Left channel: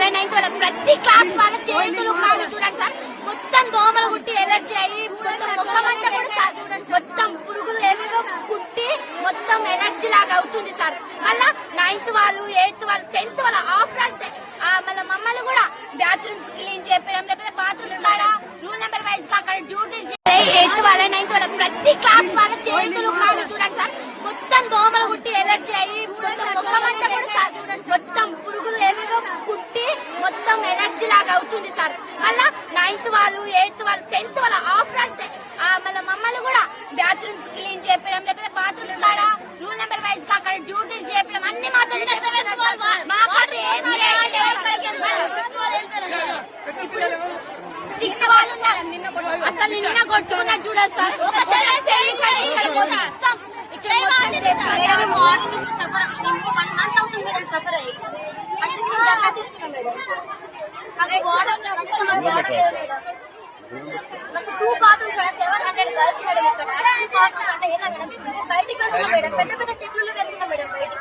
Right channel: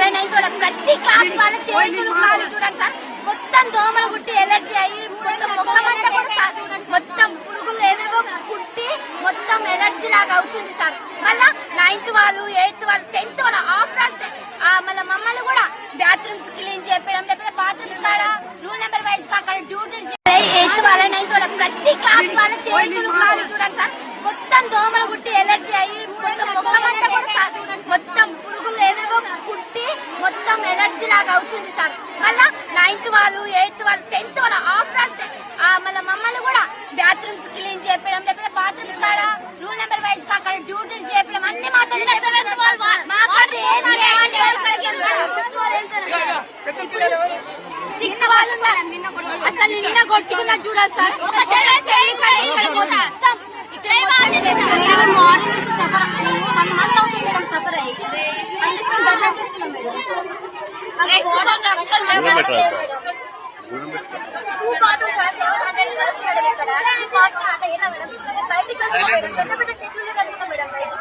వాళ్ళ 9th వాళ్ళ ప్రతి క్లాస్ వాళ్ళ చేతులు కాళ్ళు చూడండి సార్, మొత్తం దోమలు కుట్టి ఎలర్జీ అయ్యి మొత్తం మొత్తం అంతా కూడా సార్ మొత్తం పురుగులు ఏవేవో కుట్టి మొత్తం ఎలర్జీ లాగా అవుతుంది సార్. మళ్ళా 9th వాళ్ళు 8th వాళ్ళు 10th వాళ్ళ ఆఫ్టర్ మళ్ళీ మమ్మల్ని కూడా బాత్రూమ్స్ క్లీన్ చేయడం, లేకపోతే బాత్రూమ్స్ కాడ రూల్ నెంబర్ వైజ్ గా అక్కడ డ్యూటీస్ 8th వాళ్ళ 9th వాళ్ళ ప్రతి క్లాస్ వాళ్ళ చేతులు కాళ్ళు చూడండి సార్, మొత్తం దోమలు కుట్టి ఎలర్జీ అయ్యి మొత్తం మొత్తం అంతా కూడా సార్ మొత్తం పురుగులు ఏవేవో కుట్టి మొత్తం ఎలర్జీ లాగా అవుతుంది సార్. మళ్ళా 9th వాళ్ళు 8th వాళ్ళు 10th వాళ్ళ ఆఫ్టర్ మళ్ళీ మమ్మల్ని కూడా బాత్రూమ్స్ క్లీన్ చేయడం, లేకపోతే బాత్రూమ్స్ కాడ రూల్ నెంబర్ వైజ్ గా అక్కడ డ్యూటీస్ చేయడం అన్ని మాతో సిక్ వాళ్ళు అసలు నిన్న కొట్టుకున్నా చూడాలి సార్. మొత్తం మార్నింగ్ నుంచి సఫర్ 1 month అవుతుంది మేడం సఫర్ అయ్యి, అందుకే బయట చూస్తున్నాం మేడం. 2 bathrooms 700 girls మేడం ఇక్కడ 2 bathrooms అంటే ఎలా మేడం, బయటికి వెళ్తున్నాం మేడం, పెద్ద పెద్ద చెట్లు వెళ్తున్నాం మేడం బయటికి.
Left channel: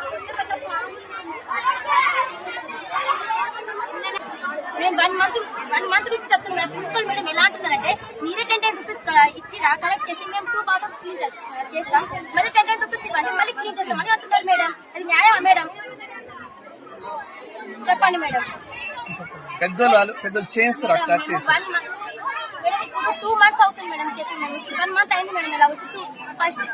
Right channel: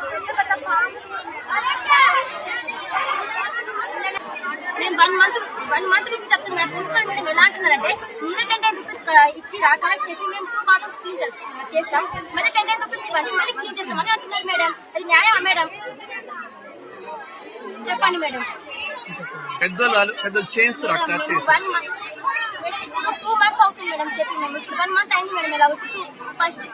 నేను 1 month నుంచి చెప్తున్నాను మేడం. ప్రిన్సిపల్ మేడం ఎలా అంటున్నారంటే మీరే 10 రూపీస్ ఇచ్చిరా కలెక్ట్ చేసి మేము 2 bathrooms క్లీన్ చేస్తాం, మళ్ళీ 10 రూపీస్ ఇవ్వండి మళ్ళీ క్లీన్ చేస్తాం అని అంటున్నారు మేడం. అది న్యాయమా మేడం? చెప్పండి మేడం. పెద్దలు చేస్తారు అక్కడ 2 months అవుతుంది మేడం చెప్పి, 1 month అయింది మేడం. ఎలా ఫస్ట్